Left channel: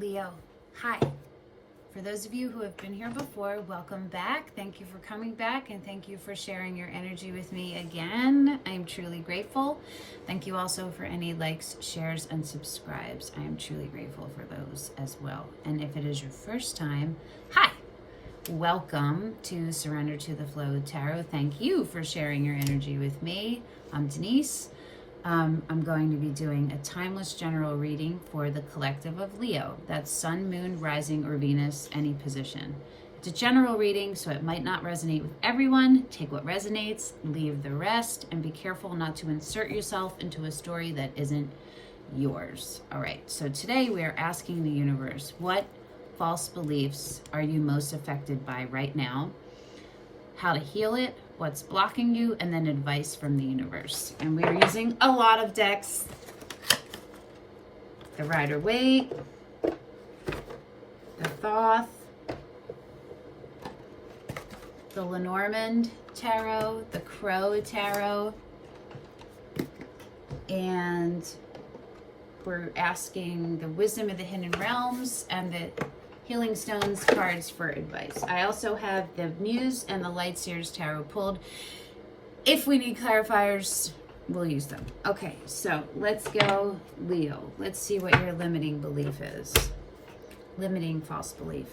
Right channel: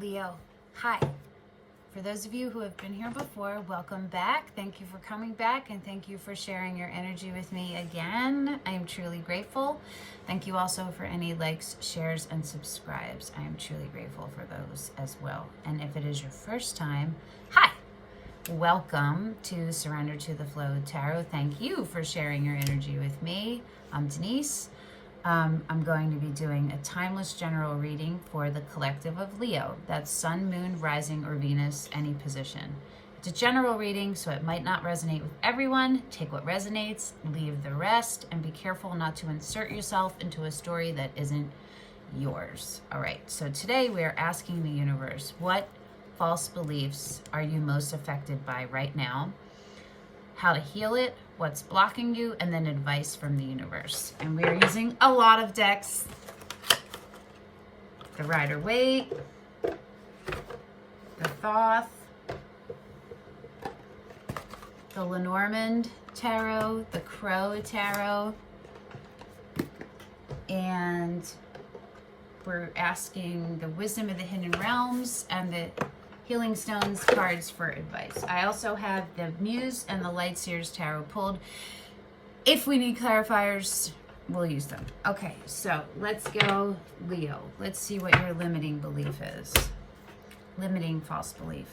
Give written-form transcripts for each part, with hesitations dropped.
Leo, hi. For those of you who have been here before, welcome back. Thank you for coming back and thank you for sharing your energy with me again. I am truly grateful. Thank you also for any likes, shares, and subscribes. I am truly grateful for those as well. And if it is your first time, hi. Welcome to Surrender to the Flow Tarot. Thank you for sharing your energy with me. I'm Denise. I'm going to be doing a timeless general reading for the collective of Leo. That's Sun, Moon, Rising, or Venus, any position. It's a general reading, so it might not resonate with everyone. Take what resonates, leave the rest, and be careful not to insert yourself into a story that isn't yours. All right, so today we are asking the universe, what false beliefs are you most affected by right now? How to heal it, what's blocking you, and then advice from the universe. And we are using a lot of decks. The Rider-Waite, the Thoth, the Lenormand Tarot, the Crowley Tarot, and we're asking the Wisdom of the Hidden Realms and the Healing Stones cards for advice. I also have the Muse and the Lightseer's Tarot pulled. If we need clarifiers, we'll use them. Okay, so let's go, Leo. Let's see what your limiting belief is. Limiting false belief.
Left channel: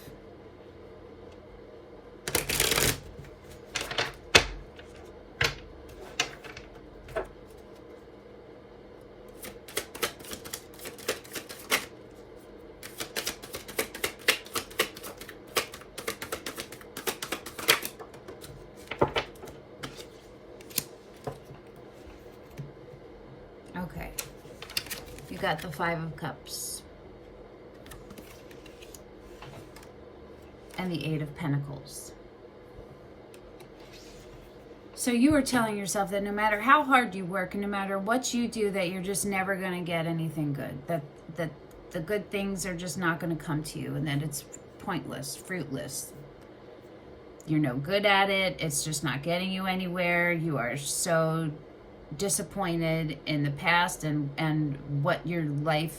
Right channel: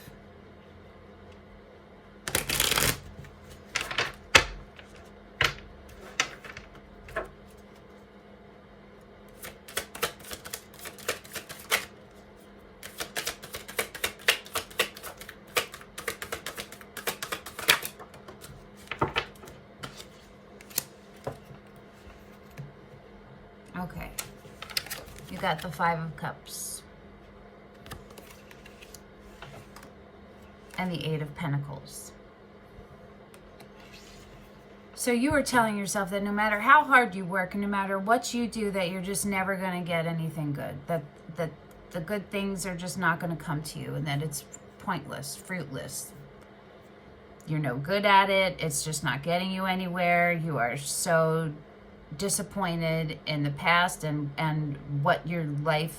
Okay, you got the Five of Cups and the Eight of Pentacles. So you are telling yourself that no matter how hard you work and no matter what you do, that you're just never going to get anything good, that the good things are just not going to come to you, and that it's pointless, fruitless. You're no good at it. It's just not getting you anywhere. You are so disappointed in the past, and what your life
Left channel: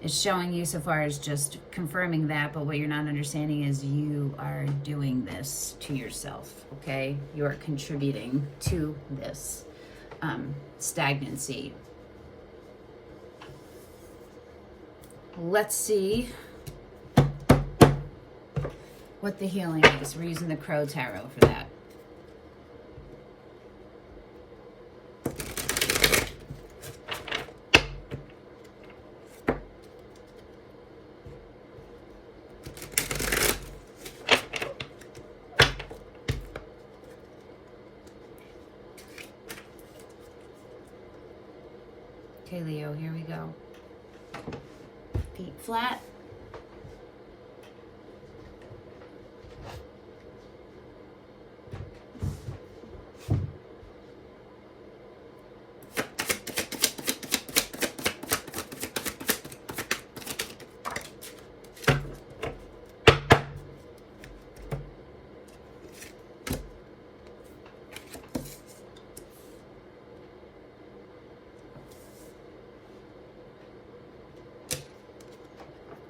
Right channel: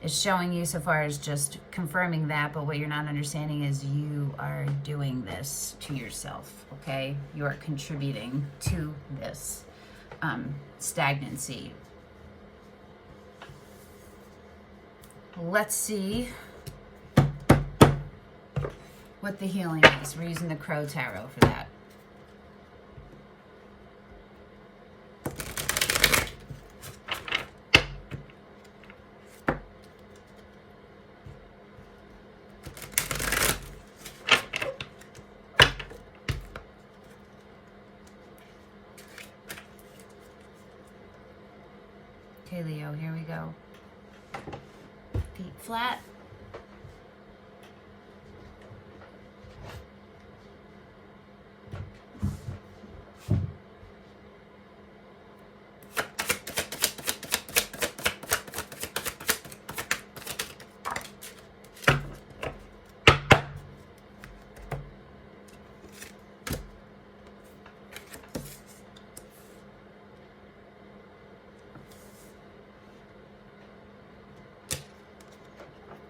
is showing you so far is just confirming that. But what you're not understanding is you are doing this to yourself. Okay, you are contributing to this stagnancy. Let's see what the healing is. We're using the Crow Tarot for that. Okay, Leo, here we go. Feet flat.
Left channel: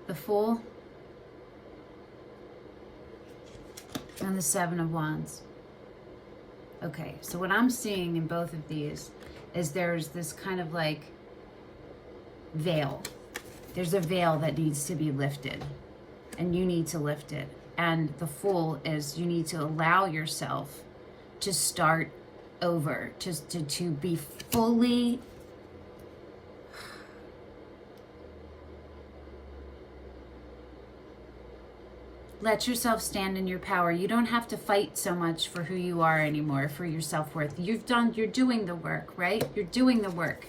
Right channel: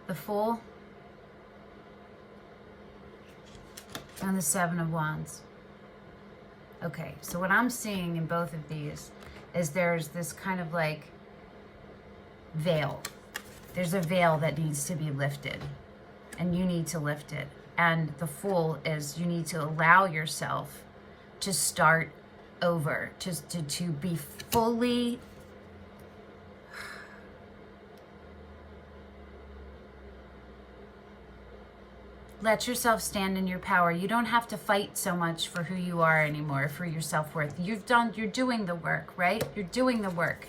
The Fool and the Seven of Wands. Okay, so what I'm seeing in both of these is there's this kind of like veil. There's a veil that needs to be lifted, and you need to lift it. And the Fool is you need to allow yourself to start over, to be fully let yourself stand in your power. You don't have to fight so much for who you are anymore, for your self-worth. You're doing the work, right? You're doing the work.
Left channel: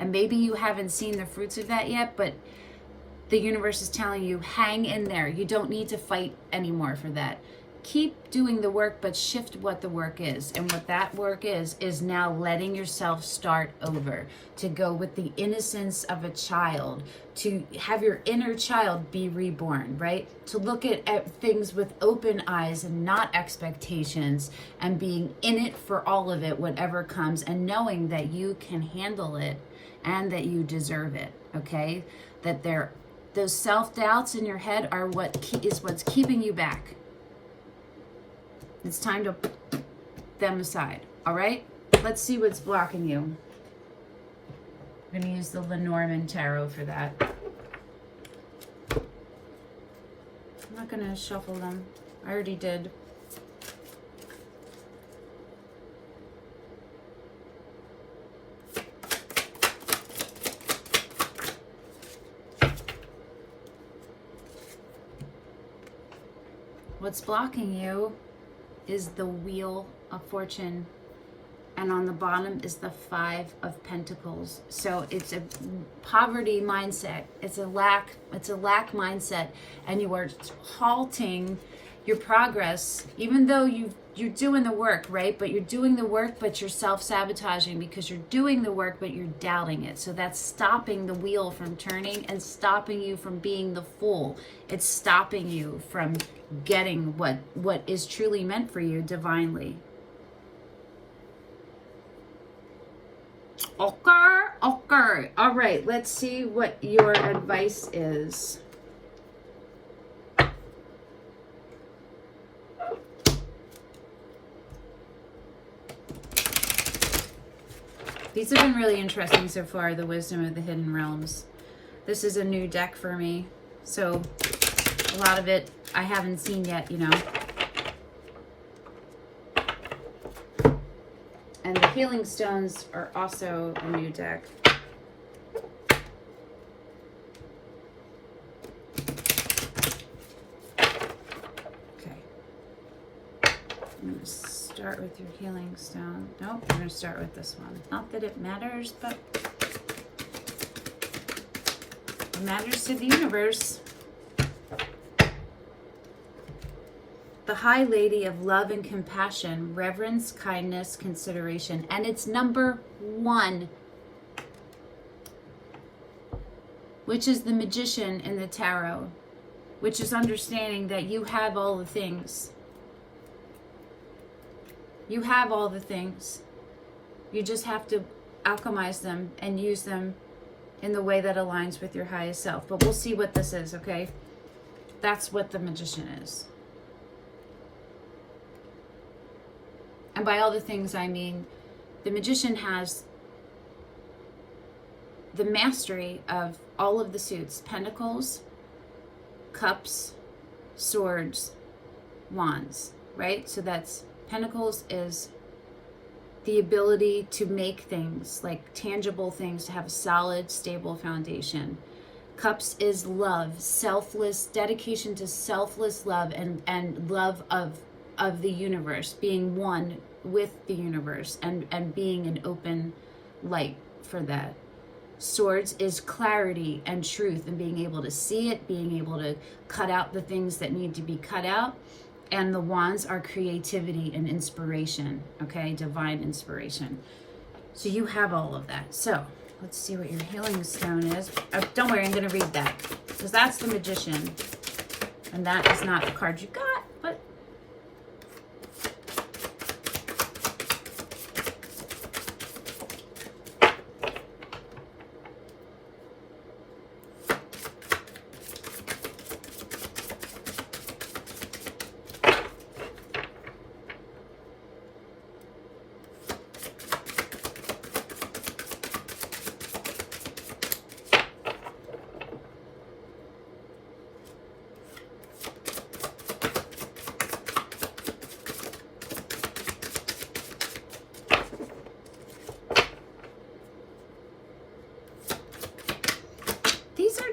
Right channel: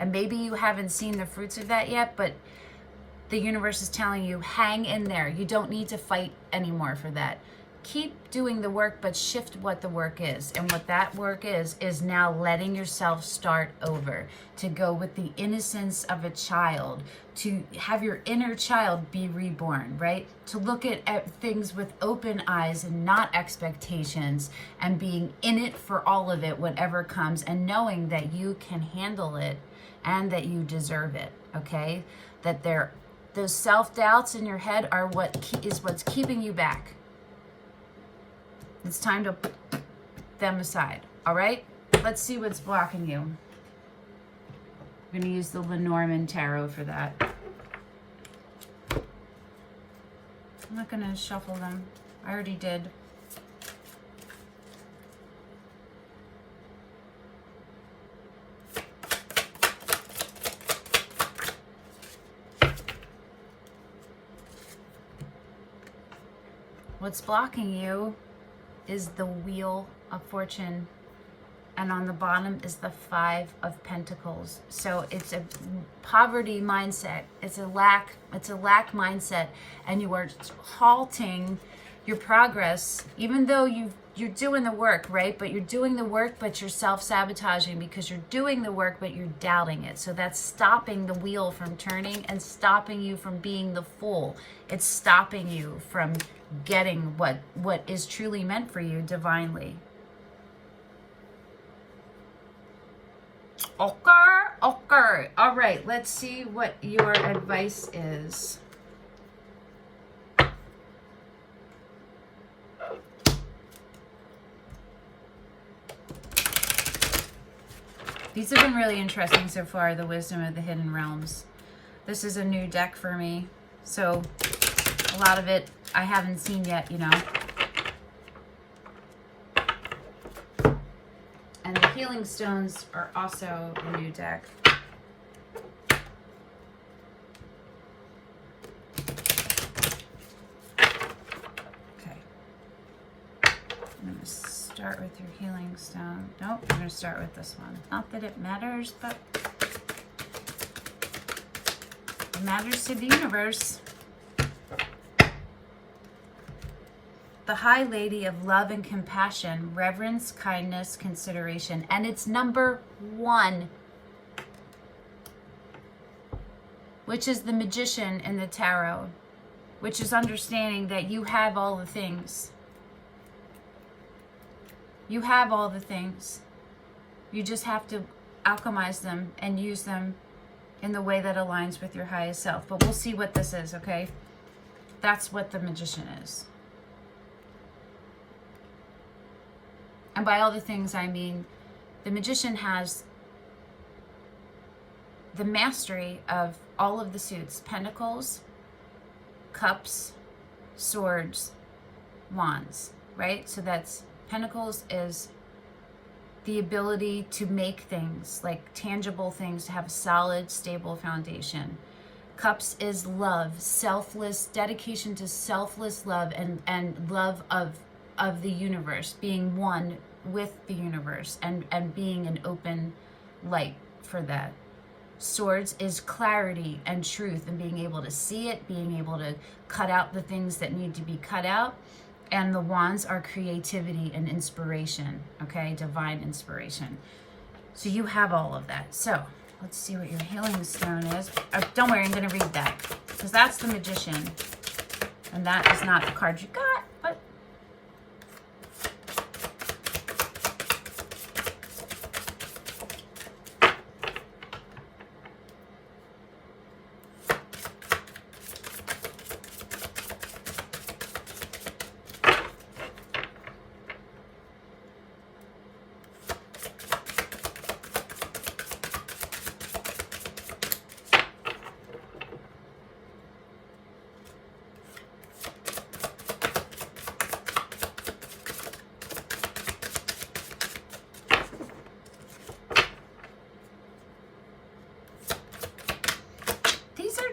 And maybe you haven't seen the fruits of that yet, but the universe is telling you, hang in there. You don't need to fight anymore for that. Keep doing the work, but shift what the work is. And what that work is now letting yourself start over, to go with the innocence of a child, to have your inner child be reborn, right? To look at things with open eyes and not expectations, and being in it for all of it, whatever comes, and knowing that you can handle it and that you deserve it, okay? That there those self-doubts in your head are what's keeping you back. It's time to put them aside. All right? Let's see what's blocking you. I'm going to use the Lenormand tarot for that. I'm not going to shuffle them. I already did. What's blocking you is the Wheel of Fortune, and on the bottom is the 5 of Pentacles. So it's a poverty mindset. It's a lack mindset, and you are halting your progress, even though you're doing the work, right? But you're doing the work, but you're self-sabotaging because you're doing the work, but you're doubting it. So that's stopping the wheel from turning and stopping you from being the fool. It's stopping you from getting what is truly meant for you divinely. Okay. All right, let's see what your advice is. These have been really interesting so far, the Wisdom of the Hidden Realms. This is a new deck for me, so a lot of it I haven't seen yet, you know. And the Healing Stones are also a new deck. Okay. I'm going to start with your Healing Stone. Nope, I'm going to start with this one. Not that it matters, but it matters to the universe. The High Lady of Love and Compassion, Reverence, Kindness, Consideration. And it's number 1, which is the Magician in the Tarot, which is understanding that you have all the things. You have all the things. You just have to alchemize them and use them in the way that aligns with your highest self. But we'll see what this is, okay? That's what the Magician is. And by all the things, I mean, the Magician has the mastery of all of the suits: Pentacles, Cups, Swords, Wands, right? So that's, Pentacles is the ability to make things, like tangible things, to have a solid, stable foundation. Cups is love, selfless, dedication to selfless love and love of the universe, being one with the universe and being an open light for that. Swords is clarity and truth and being able to see it, being able to cut out the things that need to be cut out. And the Wands are creativity and inspiration, okay? Divine inspiration. So you have all of that. So let's see what your Healing Stone is. Oh, don't worry, I'm going to read that, because that's the Magician. And that is not the card you got, but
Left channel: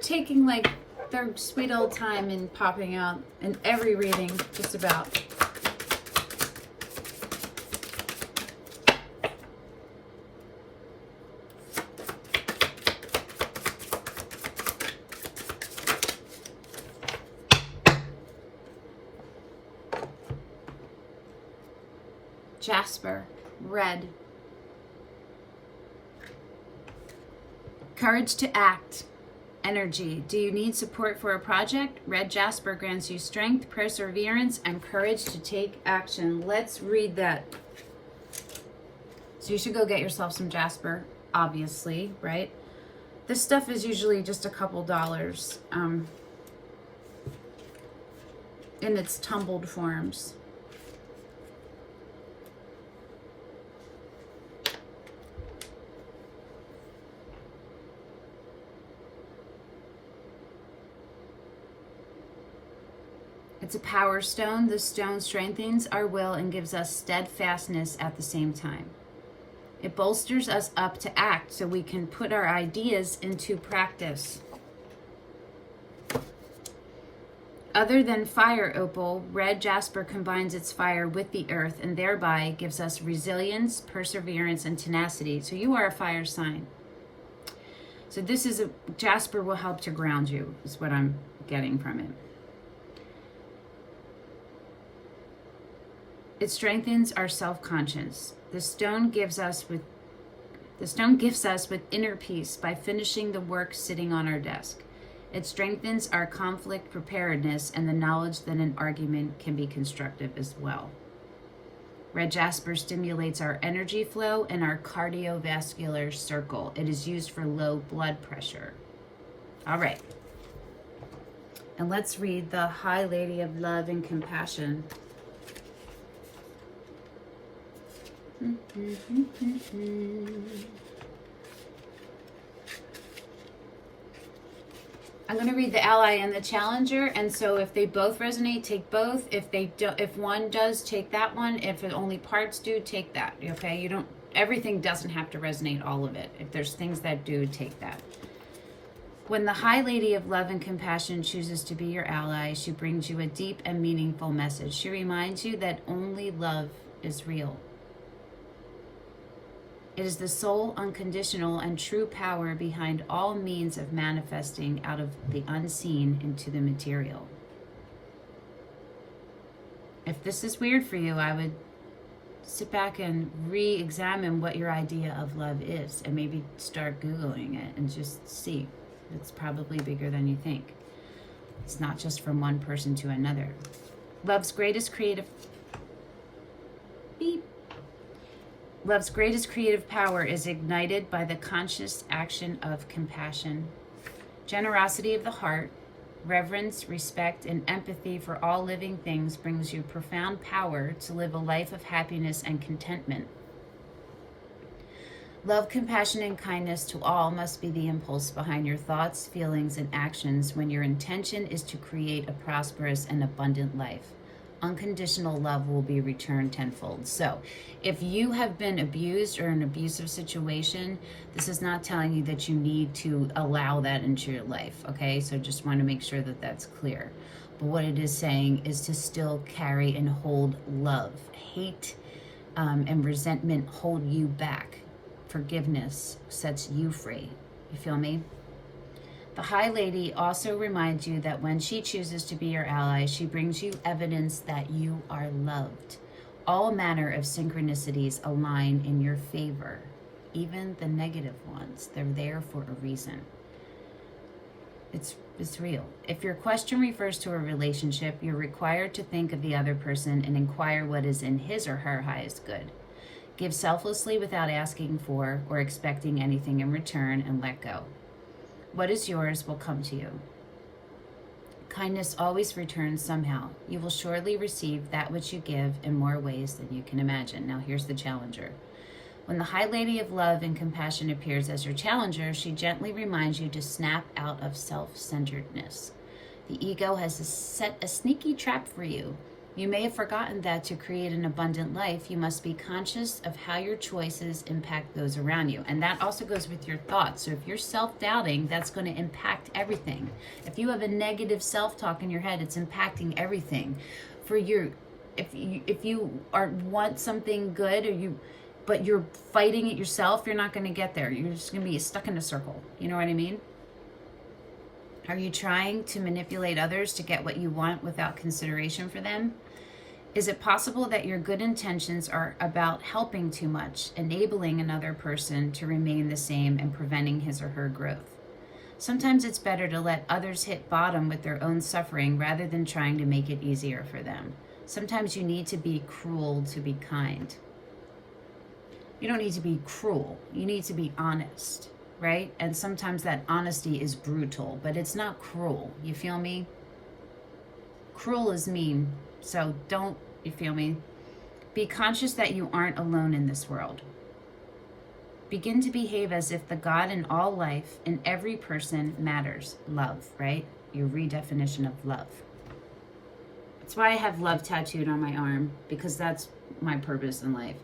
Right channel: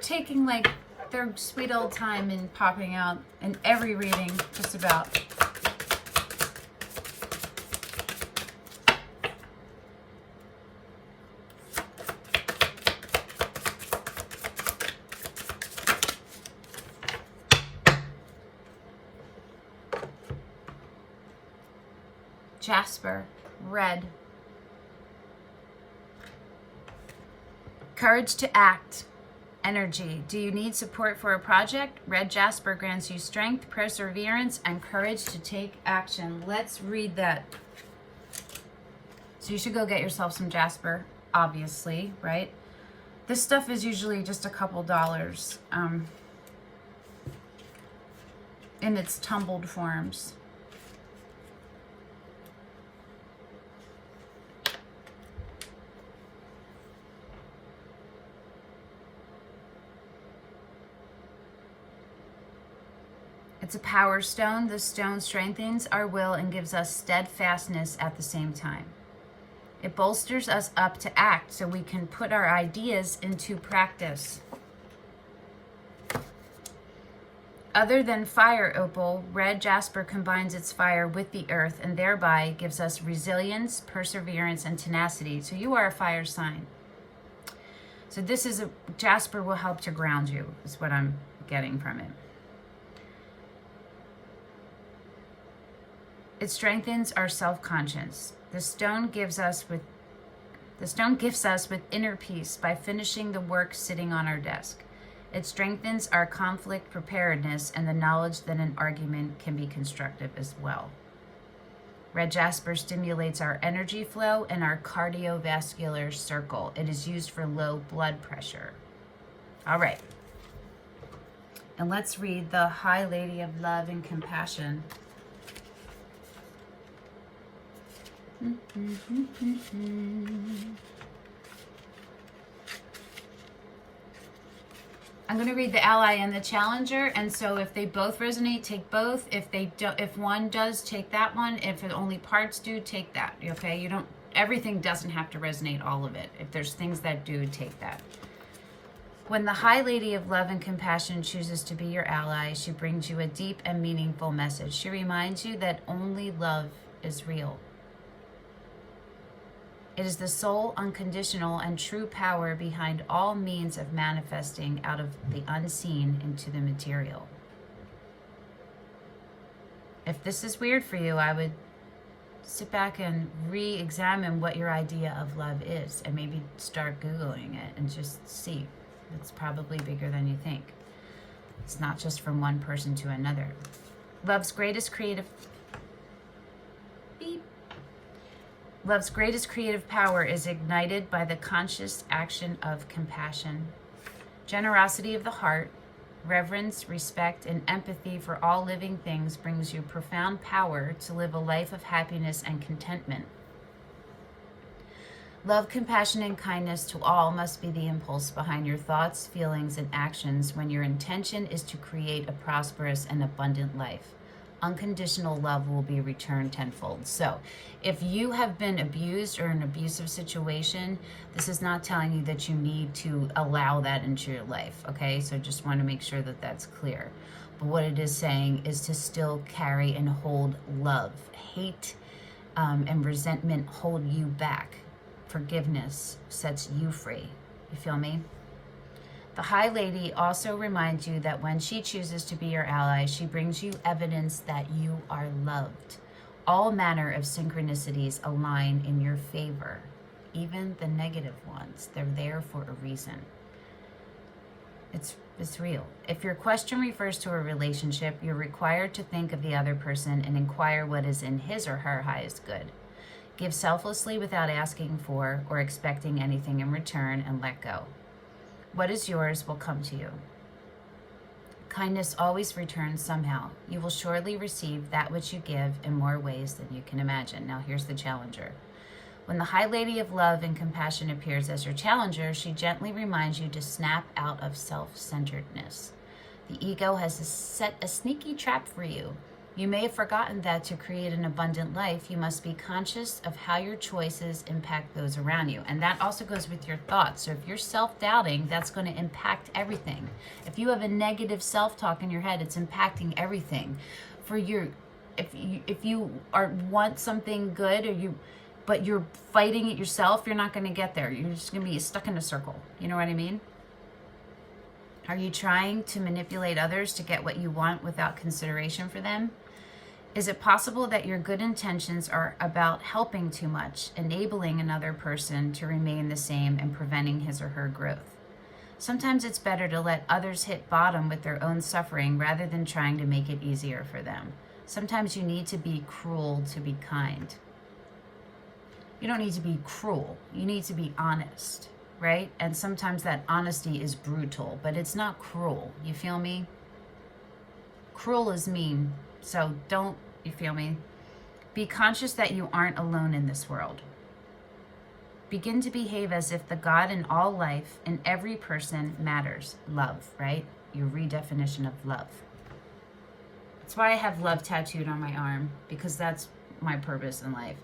taking like their sweet old time and popping out in every reading, just about. Jasper, red. Courage to act. Energy. Do you need support for a project? Red jasper grants you strength, perseverance, and courage to take action. Let's read that. So you should go get yourself some jasper, obviously, right? This stuff is usually just a couple dollars in its tumbled forms. It's a power stone. This stone strengthens our will and gives us steadfastness at the same time. It bolsters us up to act so we can put our ideas into practice. Other than fire opal, red jasper combines its fire with the earth and thereby gives us resilience, perseverance, and tenacity. So you are a fire sign. So this is jasper will help to ground you, is what I'm getting from it. It strengthens our self-conscious. The stone gives us with inner peace by finishing the work sitting on our desk. It strengthens our conflict preparedness and the knowledge that an argument can be constructive as well. Red jasper stimulates our energy flow and our cardiovascular circle. It is used for low blood pressure. All right. And let's read the High Lady of Love and Compassion. I'm going to read the ally and the challenger, and so if they both resonate, take both. If they don't, if one does, take that one. If only parts do, take that. Okay, you don't. Everything doesn't have to resonate, all of it. If there's things that do, take that. When the High Lady of Love and Compassion chooses to be your ally, she brings you a deep and meaningful message. She reminds you that only love is real. It is the sole, unconditional, and true power behind all means of manifesting out of the unseen into the material. If this is weird for you, I would sit back and re-examine what your idea of love is and maybe start Googling it and just see. It's probably bigger than you think. It's not just from one person to another. Love's greatest creative power is ignited by the conscious action of compassion. Generosity of the heart, reverence, respect, and empathy for all living things brings you profound power to live a life of happiness and contentment. Love, compassion, and kindness to all must be the impulse behind your thoughts, feelings, and actions when your intention is to create a prosperous and abundant life. Unconditional love will be returned tenfold. So if you have been abused or in an abusive situation, this is not telling you that you need to allow that into your life, okay? So just want to make sure that that's clear. But what it is saying is to still carry and hold love. Hate and resentment hold you back. Forgiveness sets you free. You feel me? The High Lady also reminds you that when she chooses to be your ally, she brings you evidence that you are loved. All manner of synchronicities align in your favor, even the negative ones. They're there for a reason. It's real. If your question refers to a relationship, you're required to think of the other person and inquire what is in his or her highest good. Give selflessly without asking for or expecting anything in return and let go. What is yours will come to you. Kindness always returns somehow. You will surely receive that which you give in more ways than you can imagine. Now here's the challenger. When the High Lady of Love and Compassion appears as your challenger, she gently reminds you to snap out of self-centeredness. The ego has set a sneaky trap for you. You may have forgotten that to create an abundant life, you must be conscious of how your choices impact those around you. And that also goes with your thoughts. So if you're self-doubting, that's going to impact everything. If you have a negative self-talk in your head, it's impacting everything. If you want something good but you're fighting it yourself, you're not going to get there. You're just going to be stuck in a circle. You know what I mean? Are you trying to manipulate others to get what you want without consideration for them? Is it possible that your good intentions are about helping too much, enabling another person to remain the same and preventing his or her growth? Sometimes it's better to let others hit bottom with their own suffering rather than trying to make it easier for them. Sometimes you need to be cruel to be kind. You don't need to be cruel. You need to be honest. right? And sometimes that honesty is brutal, but it's not cruel. You feel me? Cruel is mean. So don't, you feel me? Be conscious that you aren't alone in this world. Begin to behave as if the God in all life, in every person, matters. Love, right? Your redefinition of love. That's why I have love tattooed on my arm, because that's my purpose in life,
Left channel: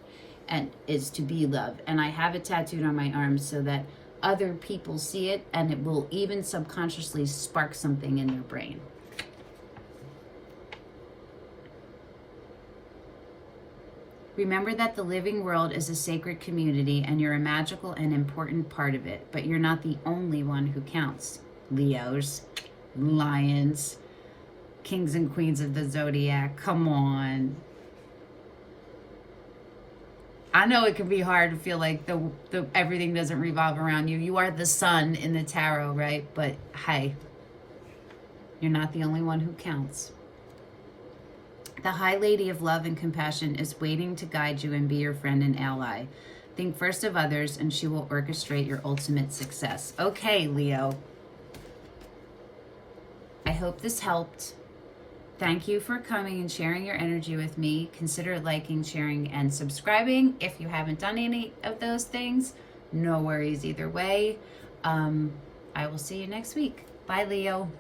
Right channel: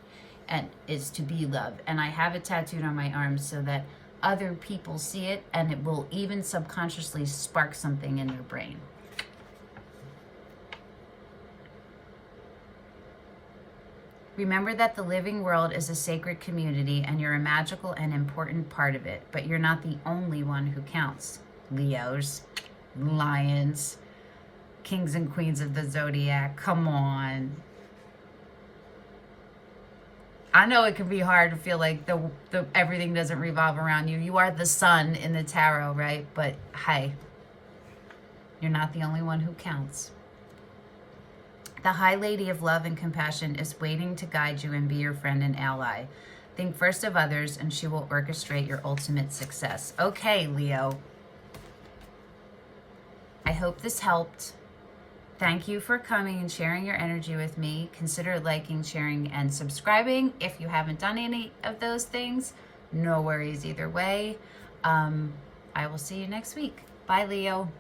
and is to be love. And I have it tattooed on my arm so that other people see it, and it will even subconsciously spark something in your brain. Remember that the living world is a sacred community and you're a magical and important part of it, but you're not the only one who counts. Leos, Lions, Kings and Queens of the Zodiac, come on. I know it can be hard to feel like the everything doesn't revolve around you. You are the sun in the tarot, right? But hey, you're not the only one who counts. The High Lady of Love and Compassion is waiting to guide you and be your friend and ally. Think first of others and she will orchestrate your ultimate success. Okay, Leo. I hope this helped. Thank you for coming and sharing your energy with me. Consider liking, sharing, and subscribing. If you haven't done any of those things, no worries either way. I will see you next week. Bye, Leo.